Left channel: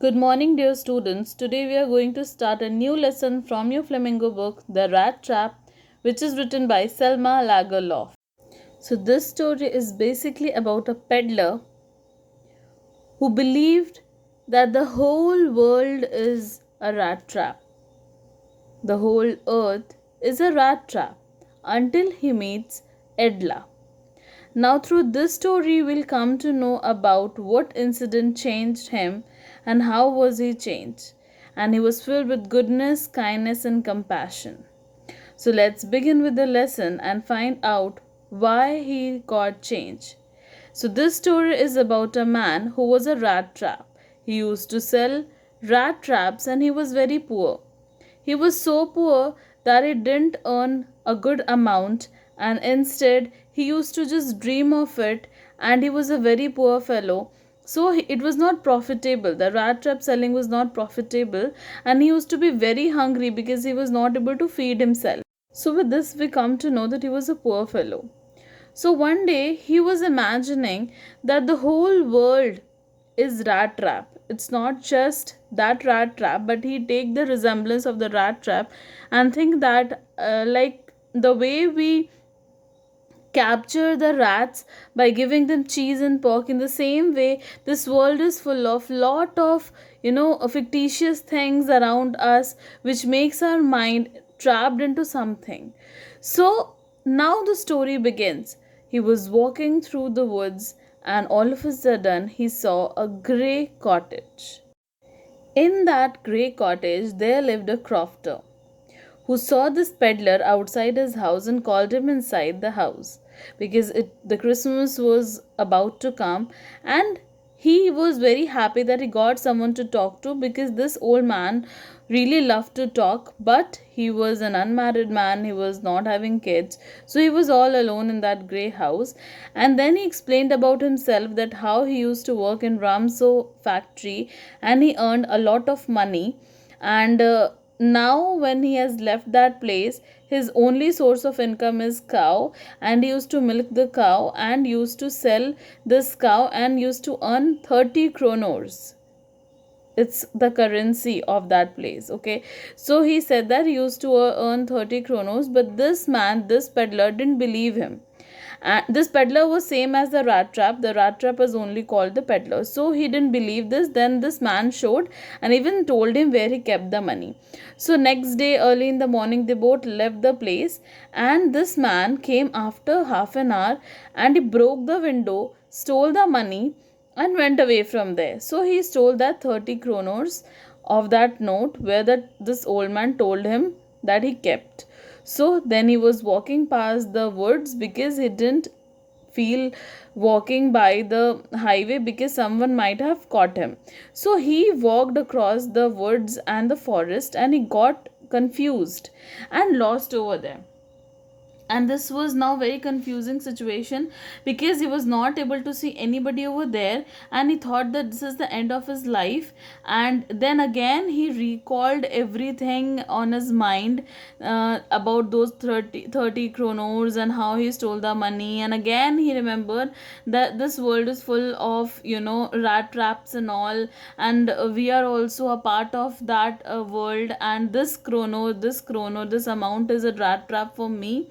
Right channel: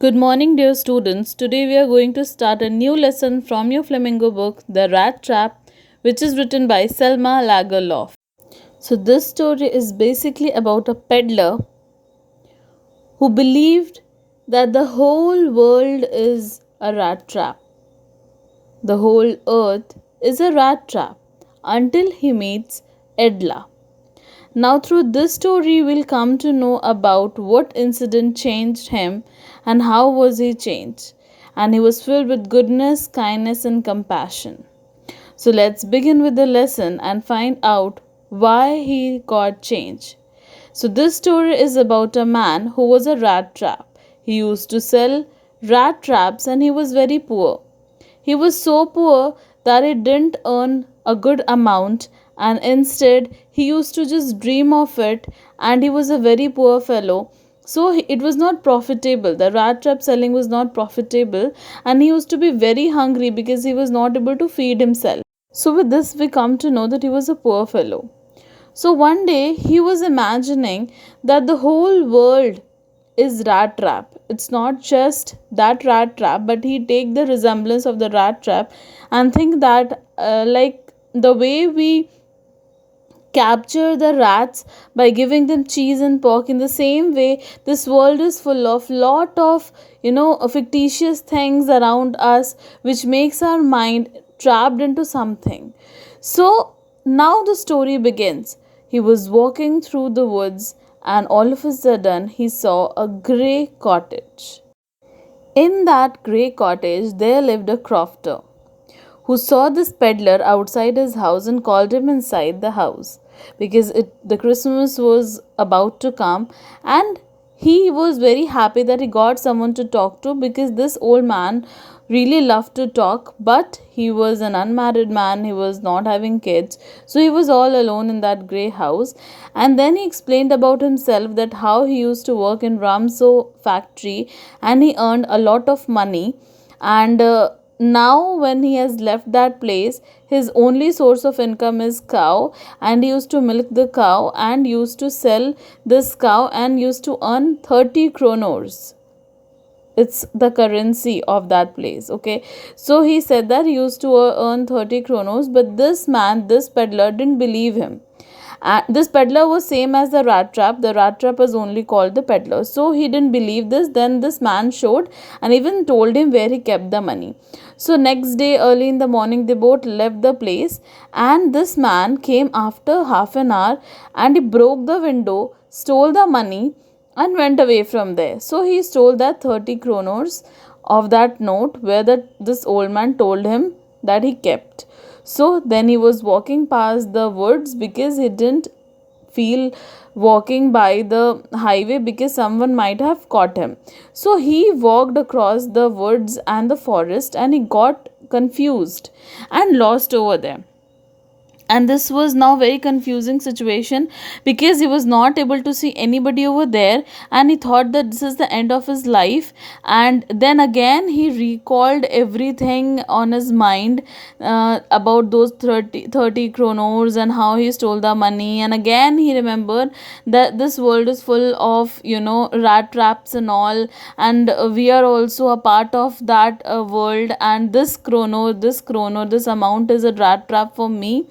Good morning, dear students. Today we are going to start a new lesson from your Flamingo book, The Rat Trap, which is written by Selma Lagerlof. So, this story is basically about a peddler who believed that the whole world is a rat trap. The whole earth is a rat trap until he meets Edla. Now, through this story, we'll come to know about what incident changed him and how was he changed. And he was filled with goodness, kindness, and compassion. So, let's begin with the lesson and find out why he got changed. So, this story is about a man who was a rat trap. He used to sell rat traps and he was very poor. He was so poor that he didn't earn a good amount, and instead he used to just dream of it, and he was a very poor fellow. So it was not profitable. The rat trap selling was not profitable, and he used to be very hungry because he was not able to feed himself. So with this we come to know that he was a poor fellow. So one day he was imagining that the whole world is rat trap. It's not just that rat trap, but he take the resemblance of the rat trap and think that like the way we capture the rats by giving them cheese and pork, in the same way this world is full of lot of fictitious things around us which makes our mind trapped into something. So now the story begins. He was walking through the woods, and all of a sudden he saw a grey cottage. In that grey cottage there lived a crofter who saw this peddler outside his house and called him inside the house because the Christmas was about to come, and he was very happy that he got someone to talk to because this old man really loved to talk, but he was an unmarried man, he was not having kids, so he was all alone in that grey house. And then he explained about himself, that how he used to work in Ramso factory and he earned a lot of money, and now when he has left that place, his only source of income is cow, and he used to milk the cow and used to sell this cow and used to earn 30 kronors. It's the currency of that place. Okay, so he said that he used to earn 30 kronors, but this peddler didn't believe him. And this peddler was same as the rat trap. The rat trap was only called the peddler, so he didn't believe this. Then this man showed and even told him where he kept the money. So next day early in the morning they both left the place, and this man came after half an hour and he broke the window, stole the money, and went away from there. So he stole that 30 kronors of that note where this old man told him that he kept. So then he was walking past the woods because he didn't feel walking by the highway because someone might have caught him. So he walked across the woods and the forest, and he got confused and lost over there. And this was now very confusing situation because he was not able to see anybody over there, and he thought that this is the end of his life. And then again he recalled everything on his mind, about those thirty kronors and how he stole the money. And again he remembered that this world is full of rat traps and all, and we are also a part of that world, and this amount is a rat trap for me,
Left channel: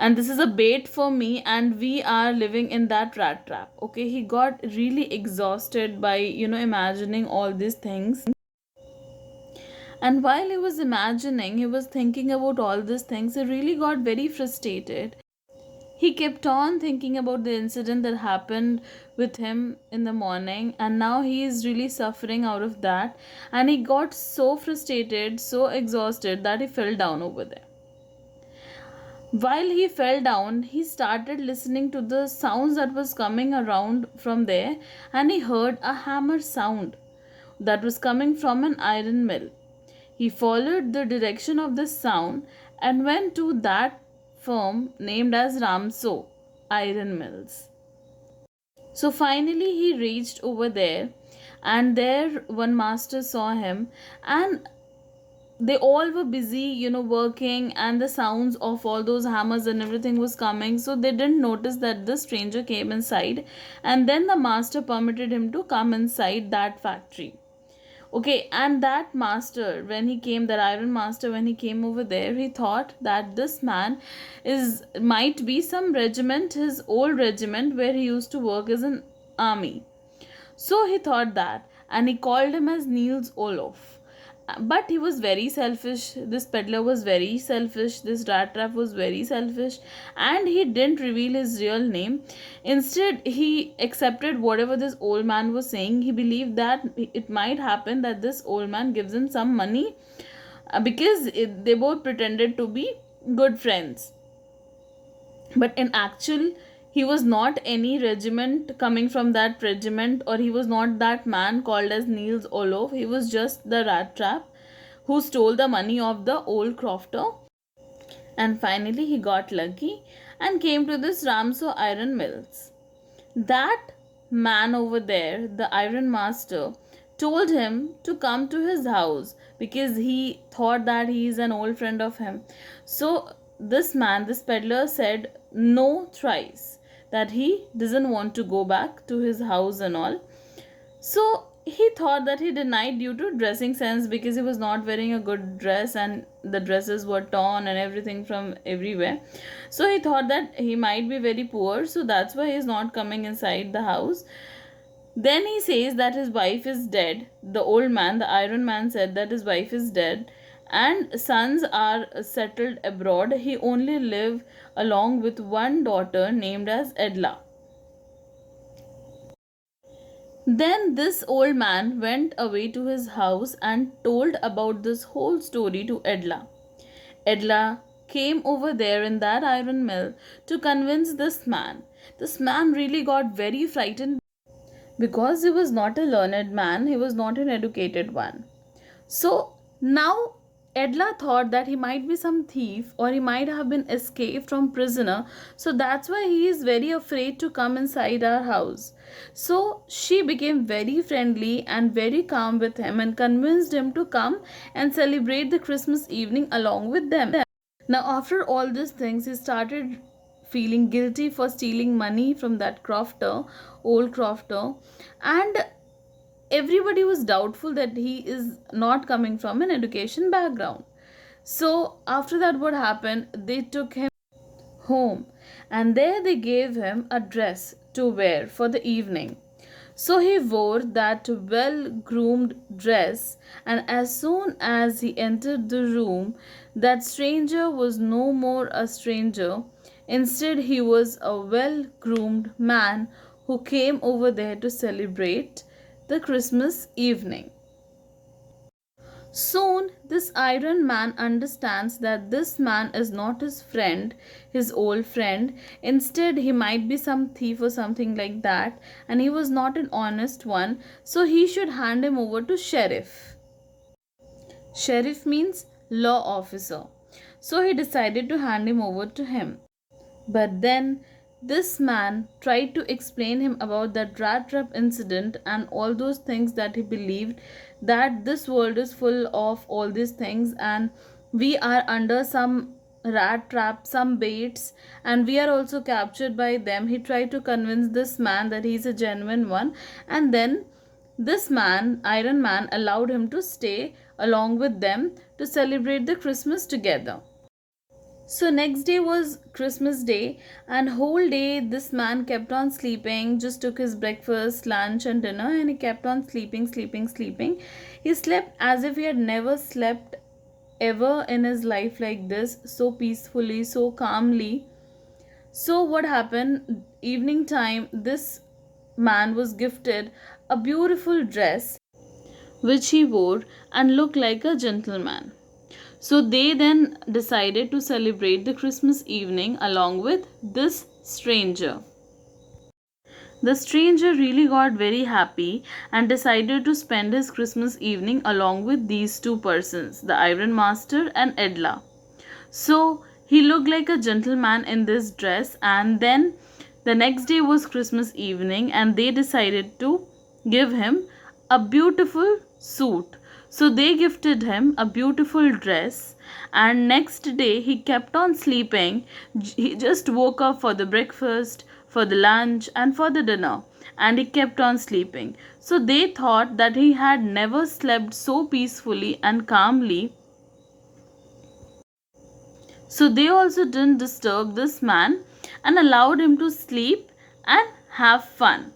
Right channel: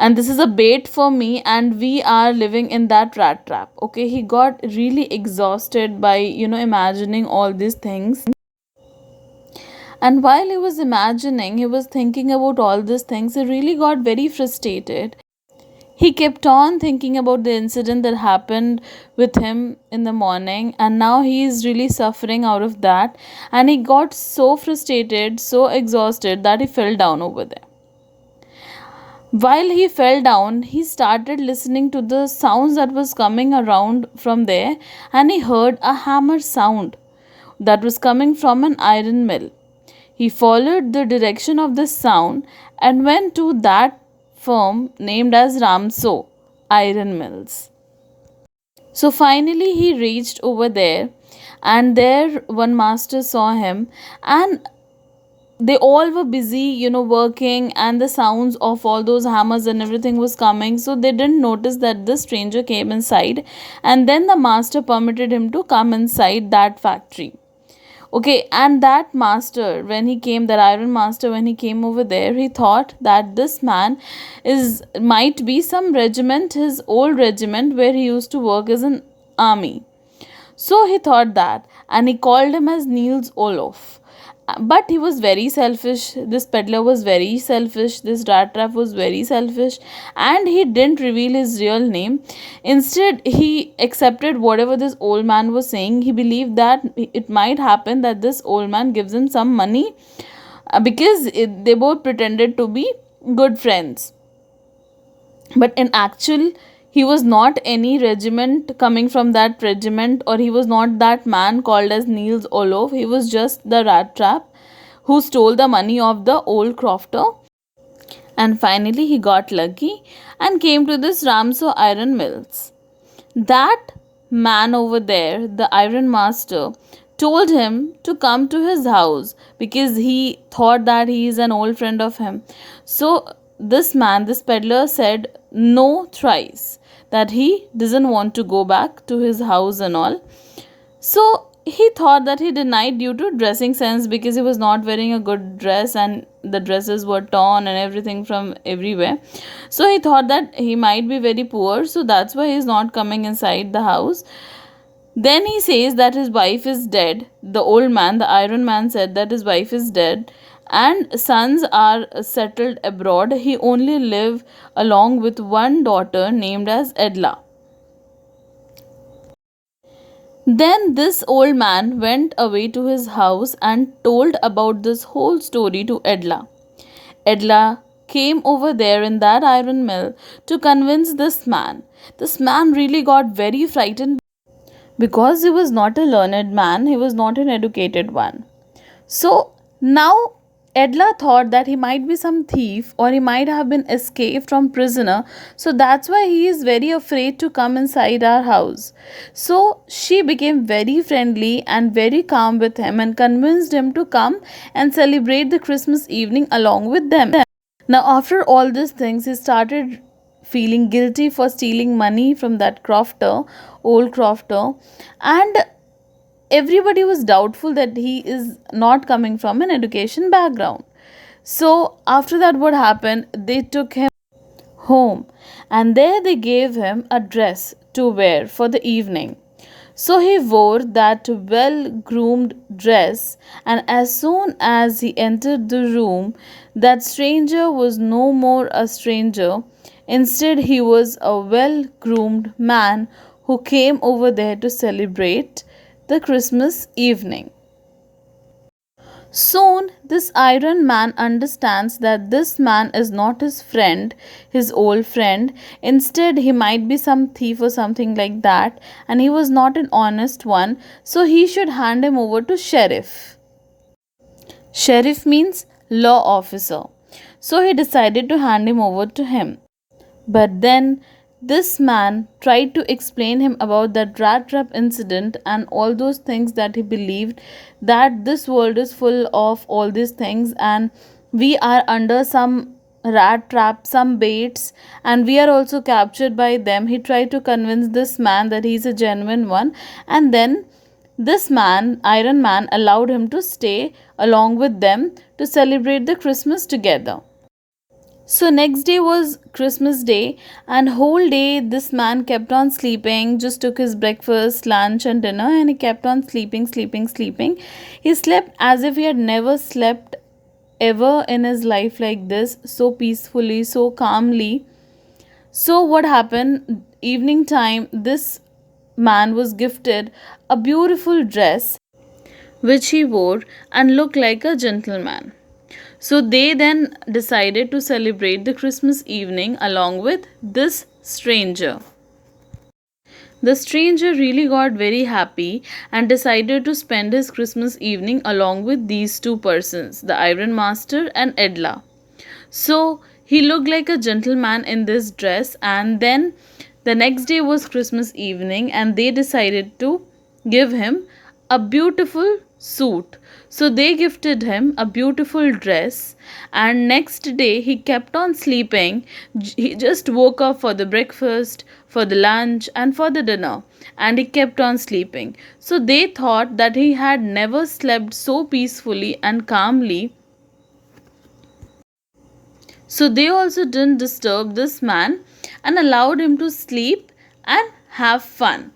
and this is a bait for me, and we are living in that rat trap. Okay, he got really exhausted by imagining all these things. And while he was imagining, he was thinking about all these things, he really got very frustrated. He kept on thinking about the incident that happened with him in the morning, and now he is really suffering out of that. And he got so frustrated, so exhausted, that he fell down over there. While he fell down, he started listening to the sounds that was coming around from there, and he heard a hammer sound that was coming from an iron mill. He followed the direction of the sound and went to that firm named as Ramso Iron Mills. So finally he reached over there, and there one master saw him, and they all were busy working, and the sounds of all those hammers and everything was coming, so they didn't notice that the stranger came inside. And then the master permitted him to come inside that factory. Okay, and that master, when he came, that iron master, when he came over there, he thought that this man is might be some regiment, his old regiment where he used to work as an army. So he thought that, and he called him as Niels Olof. But he was very selfish. This peddler was very selfish. This rat trap was very selfish, and he didn't reveal his real name. Instead, he accepted whatever this old man was saying. He believed that it might happen that this old man gives him some money because they both pretended to be good friends. But in actual, he was not any regiment coming from that regiment, or he was not that man called as Niels Olof. He was just the rat trap who stole the money of the old crofter. And finally he got lucky and came to this Ramso iron mills. That man over there, the iron master, told him to come to his house because he thought that he is an old friend of him. So this man, this peddler, said no thrice, that he doesn't want to go back to his house and all. So he thought that he denied due to dressing sense because he was not wearing a good dress and the dresses were torn and everything from everywhere. So he thought that he might be very poor, so that's why he's not coming inside the house. Then he says that his wife is dead. The old man, the iron man, said that his wife is dead and sons are settled abroad. He only live along with one daughter named as Edla. Then this old man went away to his house and told about this whole story to Edla. Edla came over there in that iron mill to convince this man. This man really got very frightened because he was not a learned man, he was not an educated one. So now Edla thought that he might be some thief or he might have been escaped from prisoner. So that's why he is very afraid to come inside our house. So she became very friendly and very calm with him and convinced him to come and celebrate the Christmas evening along with them. Now, after all these things, he started feeling guilty for stealing money from that crofter, old crofter, and everybody was doubtful that he is not coming from an education background. So, after that, what happened? They took him home and there they gave him a dress to wear for the evening. So he wore that well groomed dress, and as soon as he entered the room, that stranger was no more a stranger. Instead, he was a well groomed man who came over there to celebrate the Christmas evening. Soon, this iron man understands that this man is not his friend, his old friend. Instead, he might be some thief or something like that, and he was not an honest one, so he should hand him over to sheriff. Sheriff means law officer. So he decided to hand him over to him. But then this man tried to explain him about that rat trap incident and all those things, that he believed that this world is full of all these things and we are under some rat trap, some baits, and we are also captured by them. He tried to convince this man that he's a genuine one, and then this man, Iron Man, allowed him to stay along with them to celebrate the Christmas together. So next day was Christmas Day, and whole day this man kept on sleeping, just took his breakfast, lunch and dinner, and he kept on sleeping. He slept as if he had never slept ever in his life like this, so peacefully, so calmly. So what happened? Evening time, this man was gifted a beautiful dress which he wore and looked like a gentleman. So they then decided to celebrate the Christmas evening along with this stranger. The stranger really got very happy and decided to spend his Christmas evening along with these two persons, the Iron Master and Edla. So he looked like a gentleman in this dress, and then the next day was Christmas evening, and they decided to give him a beautiful suit. So they gifted him a beautiful dress, and next day he kept on sleeping. He just woke up for the breakfast, for the lunch, and for the dinner, and he kept on sleeping. So they thought that he had never slept so peacefully and calmly. So they also didn't disturb this man and allowed him to sleep and have fun.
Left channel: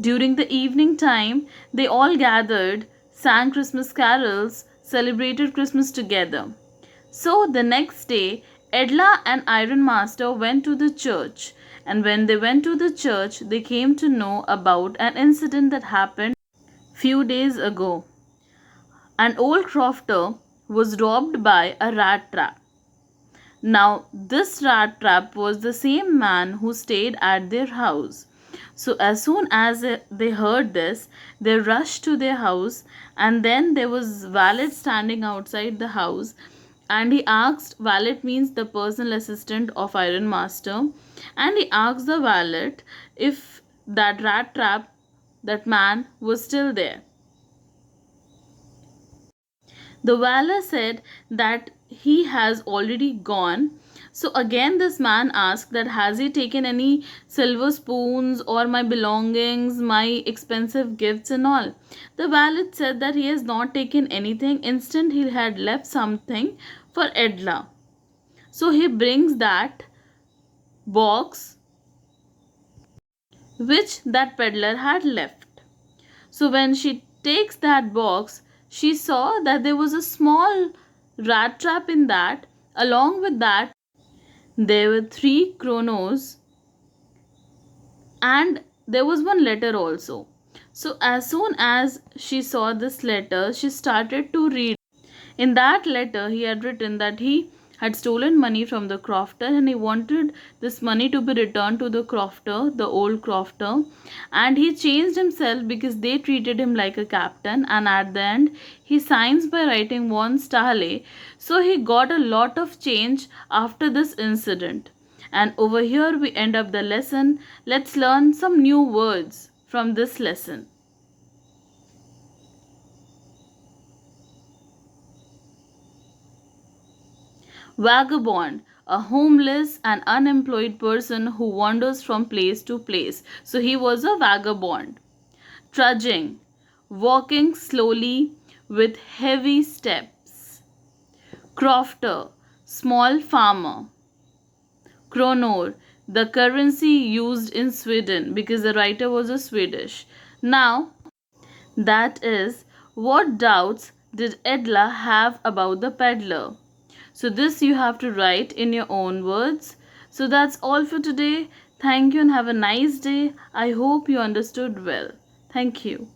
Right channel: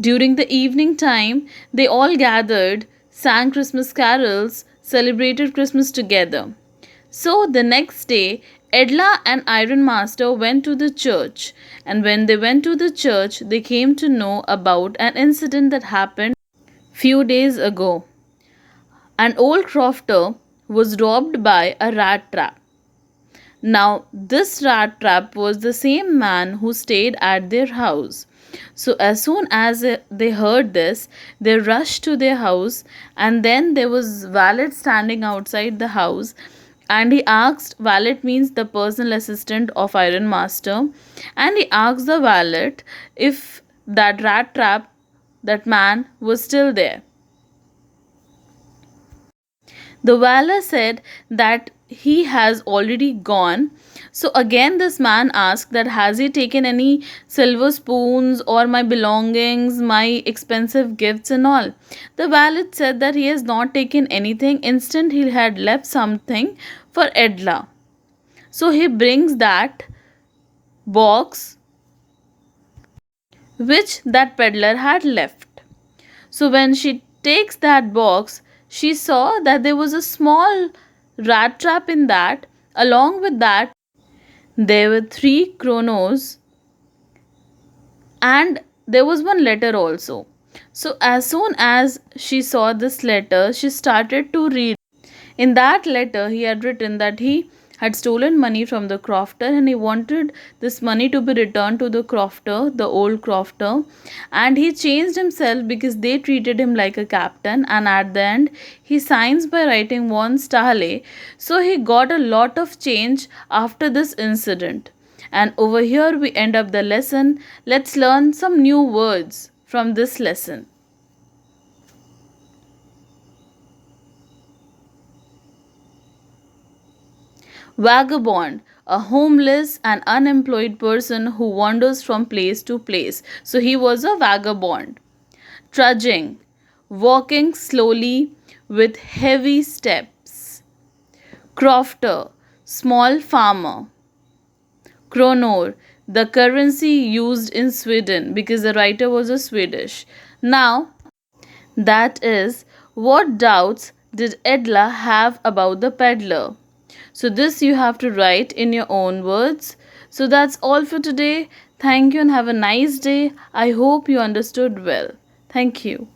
During the evening time, they all gathered, sang Christmas carols, celebrated Christmas together. So the next day, Edla and Iron Master went to the church, and when they went to the church, they came to know about an incident that happened few days ago. An old crofter was robbed by a rat trap. Now, this rat trap was the same man who stayed at their house. So, as soon as they heard this, they rushed to their house, and then there was valet standing outside the house. And he asked, valet means the personal assistant of Iron Master, and he asked the valet if that rat trap, that man, was still there. The valet said that he has already gone. So again, this man asked that has he taken any silver spoons or my belongings, my expensive gifts and all. The valet said that he has not taken anything. Instead, he had left something for Edla. So he brings that box which that peddler had left. So when she takes that box, she saw that there was a small rat trap in that. Along with that, there were three chronos, and there was one letter also. So as soon as she saw this letter, she started to read. In that letter, he had written that he had stolen money from the crofter, and he wanted this money to be returned to the crofter, the old crofter. And he changed himself because they treated him like a captain. And at the end, he signs by writing Von Stahle. So he got a lot of change after this incident. And over here, we end up the lesson. Let's learn some new words from this lesson. Vagabond, a homeless and unemployed person who wanders from place to place. So he was a vagabond. Trudging, walking slowly with heavy steps. Crofter, small farmer. Kronor, the currency used in Sweden because the writer was a Swedish. Now, that is, what doubts did Edla have about the peddler? So, this you have to write in your own words. So, that's all for today. Thank you and have a nice day. I hope you understood well. Thank you.